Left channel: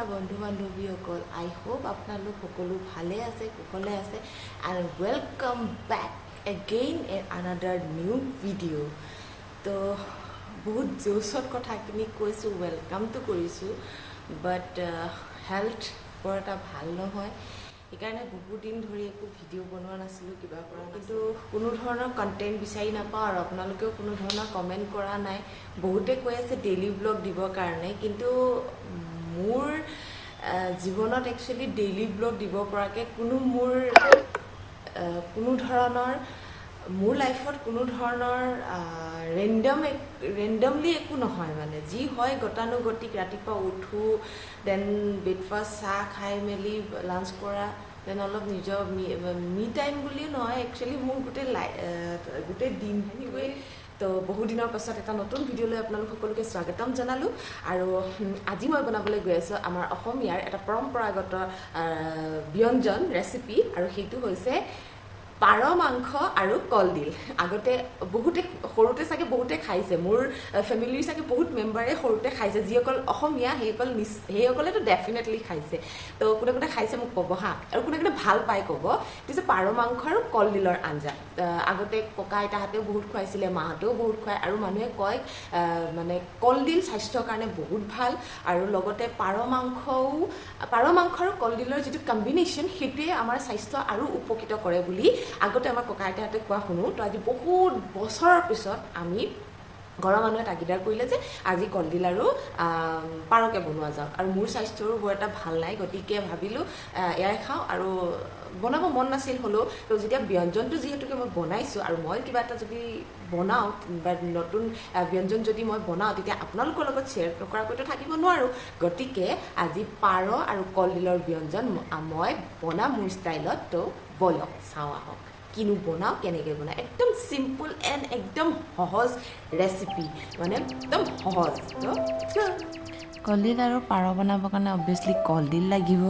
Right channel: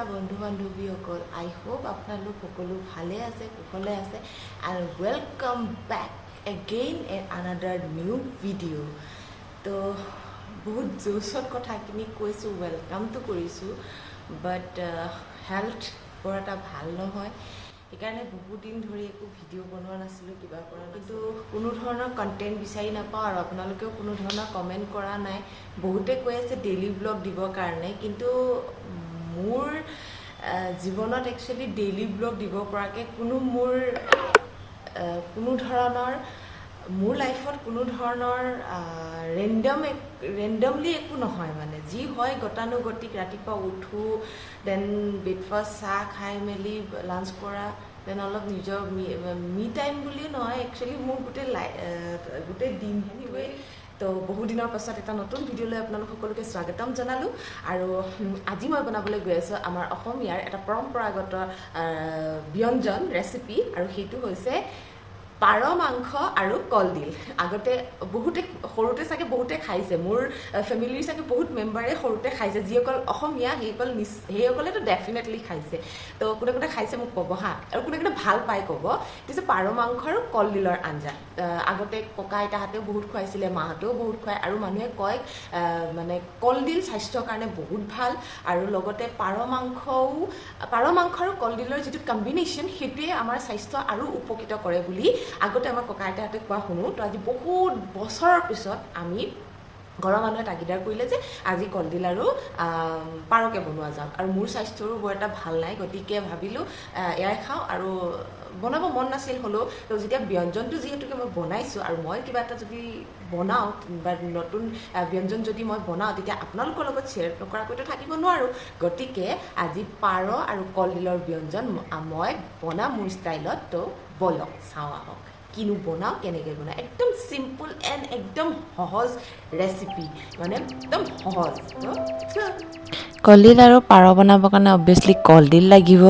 নমস্কাৰ বন্ধু বান্ধৱীসকল আই হোপ আপোনালোক সকলো ভালে আছে কুশলে আছে আৰু welcome back again at another new video' তো বহুত জোচত কথাখিনি কৈছোঁ ওয়েলকামটো কৰিছোঁ বাট হেল্থ বৰ এটা ভাল নহয় সেইকাৰণে বহুত দিন ধৰি একো ভিডিঅ' বনোৱা নাছিলোঁ কিবা কৰা কিন্তু কোনো ধৰণৰ কণ্টেণ্ট বিচাৰি নাপাওঁ আৰু আপোনালোকেও কোনো ধৰণৰ কমেণ্ট কৰা নাই বহুতে কৈ আছে ডেইলি ব্লগ দিবৰ কাৰণে কিন্তু মোৰ জীৱনত একচুৱেলি ডেইলি ব্লগ দিব পৰাকৈ কোনো ধৰণৰ মোৰ লাইফত কোনো ধৰণৰ ৰেণ্ডমলি একো নহয় মানে যি হয় গতানুগতিক ৰাতিপুৱা উঠোঁ দেন ব্ৰেকফাষ্ট চাহ খাই মেলি লাঞ্চ কৰা দেন অলপ নিজৰ মি টাইম বুলিও নহয় একচুৱেলি মোৰ গোটেই দিনটোৱে তো বহু দিনৰ পাছত এটা নতুন ভিডিঅ' লৈ আপোনালোক সকলোকে স্বাগতম জনালোঁ আৰু আজি মই বনাবলৈ গৈ আছোঁ আমাৰ অসমীয়াৰ এটা পৰম্পৰাগত ব্যঞ্জন ৰেচিপি আৰু সেইটো হৈছে পাৰ মাংস আৰু কলডিল আগতে বহুতে সৰুতে চাগে বহুতে খাইছে মোৰ ফেমিলিৰ চাগে বহুত মেম্বাৰে সৰুতে খাইছে যিসকল অসমীয়া সেইসকলেতো ডেফিনেটলি খাইছে তো কোনে কোনে খাইছে মোক ক'ব হা আৰু কোনে কোনে ভাল পায় ক'ব এইটো যে পাৰ মাংস আৰু কলডিলৰ আঞ্জা আগতে ককা আইতাহঁতেও বহুত খুৱাইছিলে মাহঁতেও বহুত খুৱায় আৰু মানুহে কয় মানে কলডিল স্বাস্থ্যৰ কাৰণে বহুত ভাল আৰু লগতে পাৰ মাংস আৰু কলডিলৰ যিটো কম্বিনেশ্যন সেইটোৱে আমাৰ স্বাস্থ্য আৰু উপকৃত কৰে বুলি আগতে আমাৰ ককা আইতাহঁতে কোৱা শুনো তো আজি বহুত বছৰৰ পিছত আমি ঘৰৰ মানুহে তাগিদাৰ কৰিলে যে আজি কলডিল আৰু পাৰকে বনোৱা যাওক আৰু মোৰ স্বাস্থ্যৰো বৰ এটা ভাল নাই গতিকে ভাবিলোঁ এয়াই খাওঁ আৰু বনাব মন নাছিল হ'লেও তো যেতিয়া ব্যঞ্জনটো যিহেতুকে মই বনাইছোঁ আৰু মই কিবা এটা যদি বনাওঁ বা নতুন ব্যঞ্জন যদি মই বনাওঁ তেতিয়া আপোনালোকৰ লগত শ্বেয়াৰ নকৰাকৈতো থাকিব নোৱাৰোঁ গতিকে আজি পাৰ আৰু কলডিলৰ ব্যঞ্জন মই বনাম মোৰ ষ্টাইলত তো বলক চাওঁ আহক কিনো বনাওঁ কেনেকৈ বনাওঁ একদম চিম্পল এণ্ড একদম সহজ ৰেচিপি মানে একদম সহজ কলডিল আৰু পাৰ বনাবৰ কাৰণে অবভিয়াছলি কলডিল লাগিব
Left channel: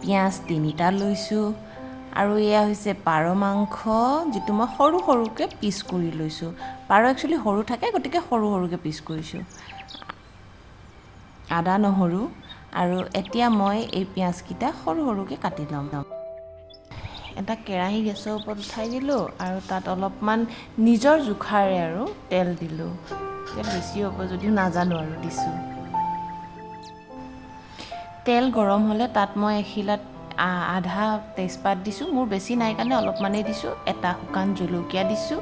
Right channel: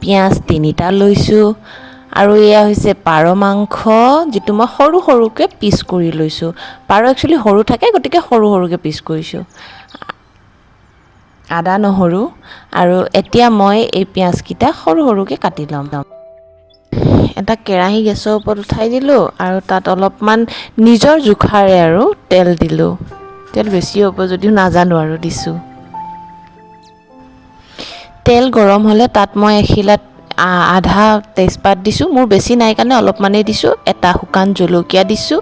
পিঁয়াজ 3টা লৈছোঁ আৰু এয়া হৈছে পাৰ মাংস যিটো মই সৰু সৰুকৈ পিচ কৰি লৈছোঁ পাৰ একচুৱেলি সৰু থাকে গতিকে সৰু সৰুকৈ পিচ কৰিছোঁ আদা নহৰু আৰু এতিয়া মই এই পিঁয়াজকেইটা সৰু সৰুকৈ কাটি ল'ম এটা কেৰাহী গেছৰ ওপৰত উঠাই দিলোঁ আৰু তাত অলপমান নিজৰ জোখাৰে আৰু তেল দিলোঁ তেল বেছি হ'ব যদিও নাজানো আৰু দিছোঁ তেল গৰম হ'লে তাত মই এখিলাত আধা তেজপাত দিছোঁ মোৰ বেছি নাই কাৰণে অলপমানেই দিছোঁ এটা শুকান জলকীয়া দিছোঁ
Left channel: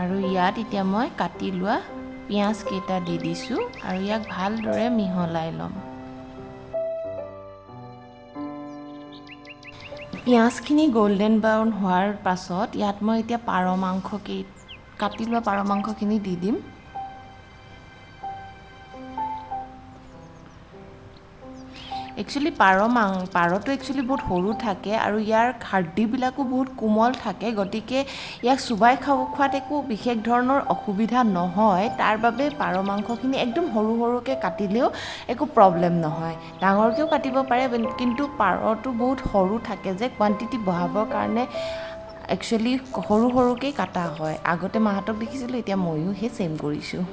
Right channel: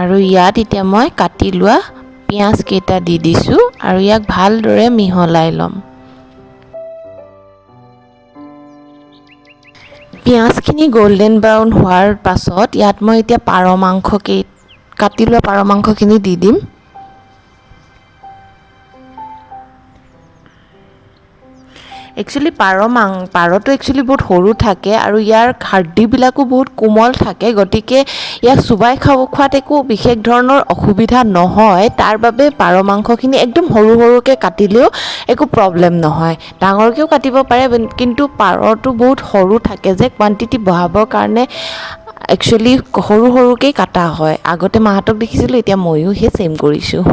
আৰু ইয়াত এতিয়া মই কাটি লোৱা পিঁয়াজকেইটা দি দিছোঁ আৰু ইয়াক ভালদৰে মিহলাই ল'ম পিঁয়াজখিনি গল্ডেন ব্ৰাউন হোৱাৰ পাছত ইয়াত মই এতিয়া কাটি লোৱা পাৰ মাংসখিনি দি দিম একচুৱেলি পাৰটো একচুৱেলি বহুত সৰু থাকে আৰু ইয়াৰ হাৰ্ডিবিলাকো বহুত কোমল থাকে গতিকে ইয়াক চুবাই খোৱাত একো বিশেষ ধৰণৰ অসুবিধা নহয় তাৰ বাবে পাৰ মাংসখিনি একদম সৰু সৰুকৈ কাটিলেও একো প্ৰব্লেম নহয় ডাঙৰকৈও কাটিব পাৰে কিন্তু পাৰটো বহুত সৰু থাকে যে কোৱান্টিটি বঢ়াবৰ কাৰণে একচুৱেলি সৰু সৰুকৈ কাটা হয় আগতে মাহঁতক দেখিছিলোঁ এতিয়া ময়ো সেই ছেম কৰিছোঁ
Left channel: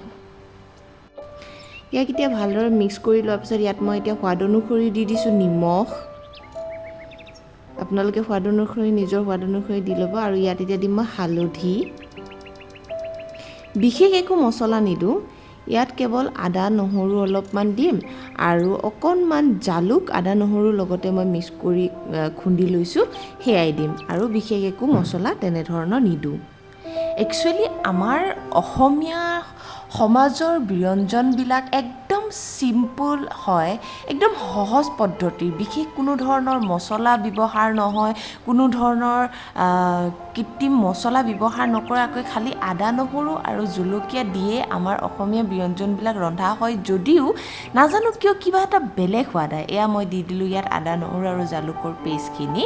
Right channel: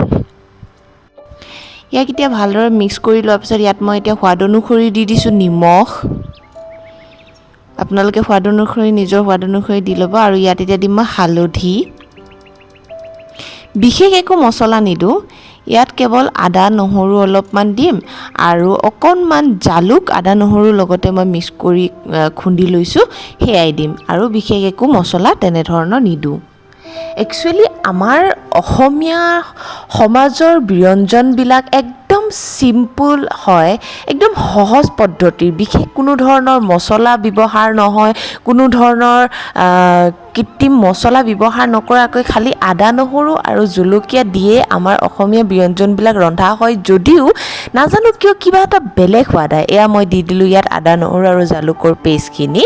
ইয়াক এতিয়া ভালদৰে মিক্স কৰি লোৱাৰ পিছত ইয়াত মই এতিয়া সোৱাদ অনুসৰি দি দিছোঁ নিমখ আপোনালোকে নিজৰ সোৱাদ অনুসৰি দি ল'ব আৰু ইয়াত এতিয়া দিম মই হালধি বিশেষ একো মছলা নিদিওঁ ইয়াত কেৱল আদা নহৰু অলপমান দিম আৰু অকণমান জালুক আদা নহৰুৰ লগতে মই মিক্স কৰি খুন্দি লৈছোঁ সেয়াই দিম আৰু বিশেষ একো মছলা তেনেধৰণৰ নিদিওঁ একচুৱেলি আমাৰ অসমীয়া সমাজৰ ব্যঞ্জনবিলাক একদম চিম্পুল হয় একদম সহজ পদ্ধতিৰ বিশেষ কোনো ধৰণৰ মছলা ব্যৱহাৰ নহয় কোনো ধৰণৰ কৃত্ৰিম মছলা ব্যৱহাৰ নকৰাকৈ খালি আদা নহৰু আৰু জলকীয়া দিয়ে আমাৰ অসমীয়া ব্যঞ্জনবিলাক ৰন্ধা হয় যদিও নাজানো কিয় কিবা এটা বেলেগ সোৱাদ আহে এয়া মই দি দিলোঁ ইয়াত আদা নহৰু আৰু জালুকৰ পেষ্টখিনি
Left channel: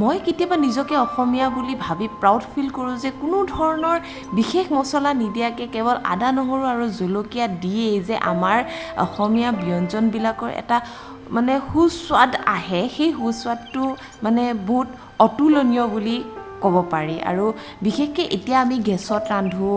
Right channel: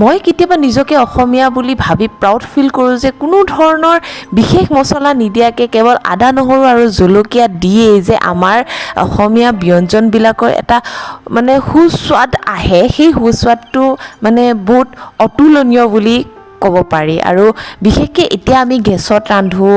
মই কেতিয়াবা নিজকে অসমীয়া বুলি ভাবি প্ৰাউড ফিল কৰোঁ যে কোনো ধৰণৰ বিশেষ মছলা নিদিয়াকৈ কেৱল আদা নহৰু আৰু জলকীয়া দিয়েই যে আমাৰ অসমীয়া ব্যঞ্জনবিলাকৰ এটা মানে সুস্বাদ আহে সেই সুস্বাদটো মানে বহুত অতুলনীয় বুলি ক'ব পাৰি আৰু বিশেষকৈ এতিয়া আমি গেছত ৰান্ধো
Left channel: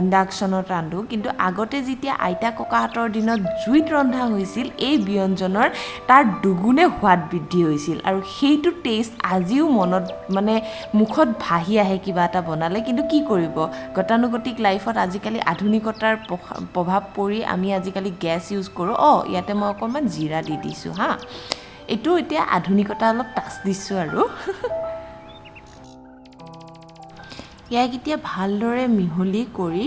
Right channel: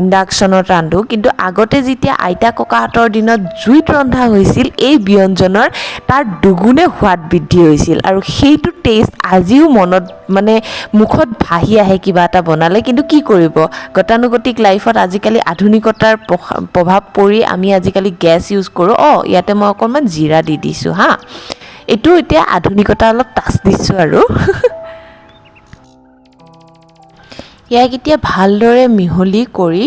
ইণ্ডাকশ্যনত ৰান্ধো কিন্তু আগতে যেতিয়া আইতা ককাহঁতৰ দিনত জুইত ৰন্ধা হৈছিল এই ব্যঞ্জনৰ তাৰ দুগুণে সোৱাদ বৃদ্ধি হৈছিল আৰু সেইটো টেষ্ট আজিও মনত মানে মুখত ভাহি আহে কিবা এটা বনালে কিন্তু কি কৰিব গতানুগতিক লাইফত আজিকালি আধুনিকতাৰ প্ৰভাৱ পৰি আমি আজিকালি গেছ ইউজ কৰোঁ ইয়াতে মই অকণমান জিৰা দি দিছোঁ হা এইটো এতিয়া আধুনিকতা অলপ টাচ দিছোঁ আৰু ইয়াক এতিয়া ভালদৰে মিহলি কৰি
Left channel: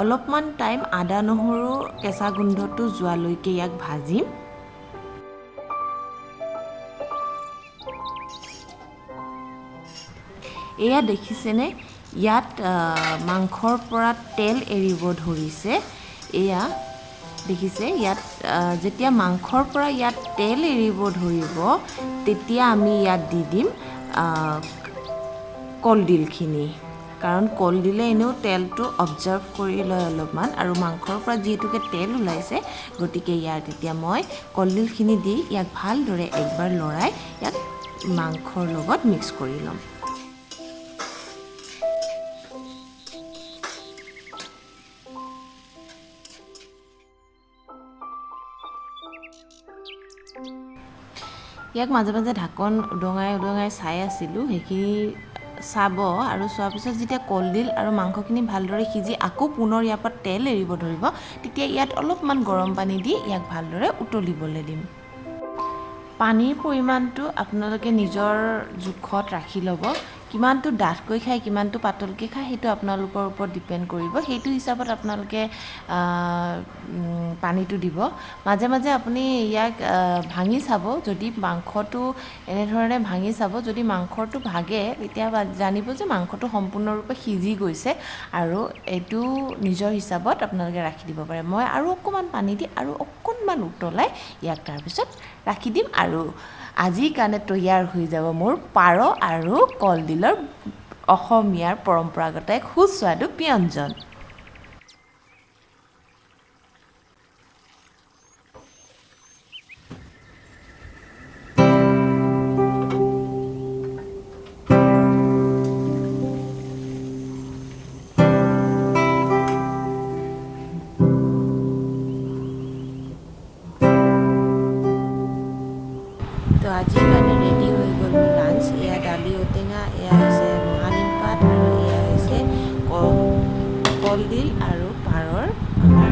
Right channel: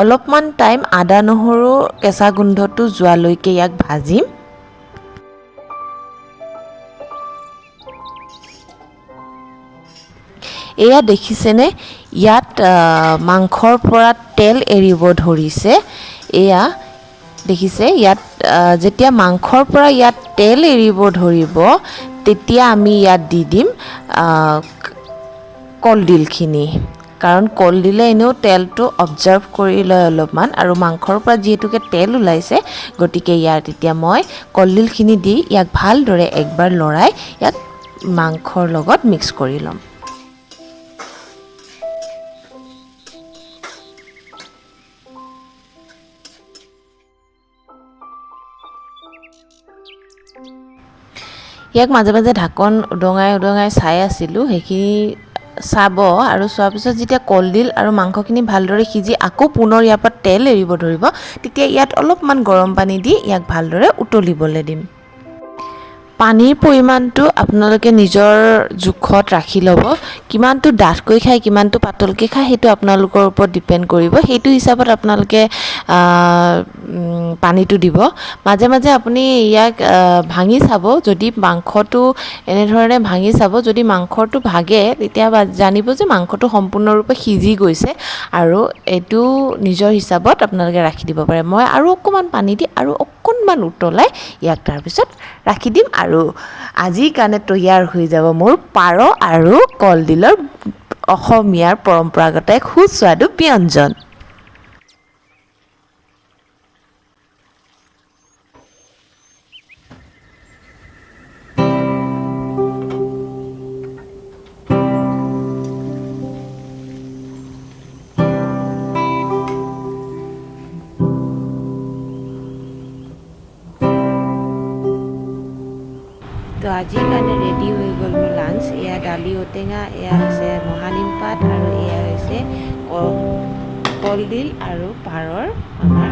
অলপমান টাইম আদা নহৰু কেঁচা গোন্ধটো যোৱালৈকে ইয়াক ভাজিম এয়া দেখিছেনে ইয়াত মাংসৰ পৰা তেল এৰিব ধৰিছে এয়া দেখিছে ইয়াত যেতিয়া মাংসৰ পৰা ইয়াত তেল এৰিব ধৰিব তেতিয়া আমি ইয়াত দি দিম কলডিলখিনি কাৰণ কলডিলে এনেও তেলটো অবজাৰ্ভ কৰি লয় অলপমান আৰু মাংসৰ পৰা যিহেতুকে তেল ওলাইছে গতিকে ইয়াত এতিয়া মই কলডিলখিনি দি ইয়াক ভালদৰে একবাৰ লৰাই ইয়াক মাংসৰ লগত মিক্স কৰি ল'ম ইয়াক মাজে মাজে ঢাকন উদঙাই চাই আছিলোঁ সেইখিনি চাব আৰু চোৱাৰ পিছত যেতিয়া কলডিল আৰু মাংসখিনি ভালদৰে সিজি আকৌ পুনৰ ইয়াৰ পৰা তেল এৰিব ধৰিব তেতিয়া ইয়াত অলপমান গৰম পানী দি ইয়াক ভালদৰে উতলিবলৈ দিম পানীৰ পৰিমাণটো আপোনালোকে নিজৰ জোখত ৰাখি ল'ব কিমানটো ডাঠকৈ খায় কিমানটো পাতলকৈ খায় সেইটো আপোনালোকৰ ওপৰত ডিপেণ্ড কৰিব সেইটো হিচাপত আপোনালোকে পানীটো দিব মাজে মাজে আপুনি ইয়াক ভাঙি চাব যদি মাংসটো এনেধৰণে ভাঙি চাব যদি মাংসটো ভাগে তেতিয়া জানিব যে মাংসটো সম্পূৰ্ণৰূপে সিজি গৈছে আৰু এইটো নিজৰ হিচাপত আপোনালোকে ৰাখি দিব পাৰে মই আৰু অকণমান পানী দি আৰু অকণমান উতলাই ইয়াক তাৰপিছত ৰাখি দিম আৰু আজিৰ কাৰণে তৈয়াৰ হৈ যাব মোৰ পাৰ আৰু কলডিলৰ অসমীয়াৰ পৰম্পৰাগত এক সুস্বাদু ব্যঞ্জন তো আজিৰ কাৰণে ৰেডি হৈ গ'ল মোৰ লাঞ্চ এয়া দালি ঔটেঙা এয়া হৈছে মহানিম পাত আৰু এয়া হৈছে কলডিল আৰু পাৰৰ আমাৰ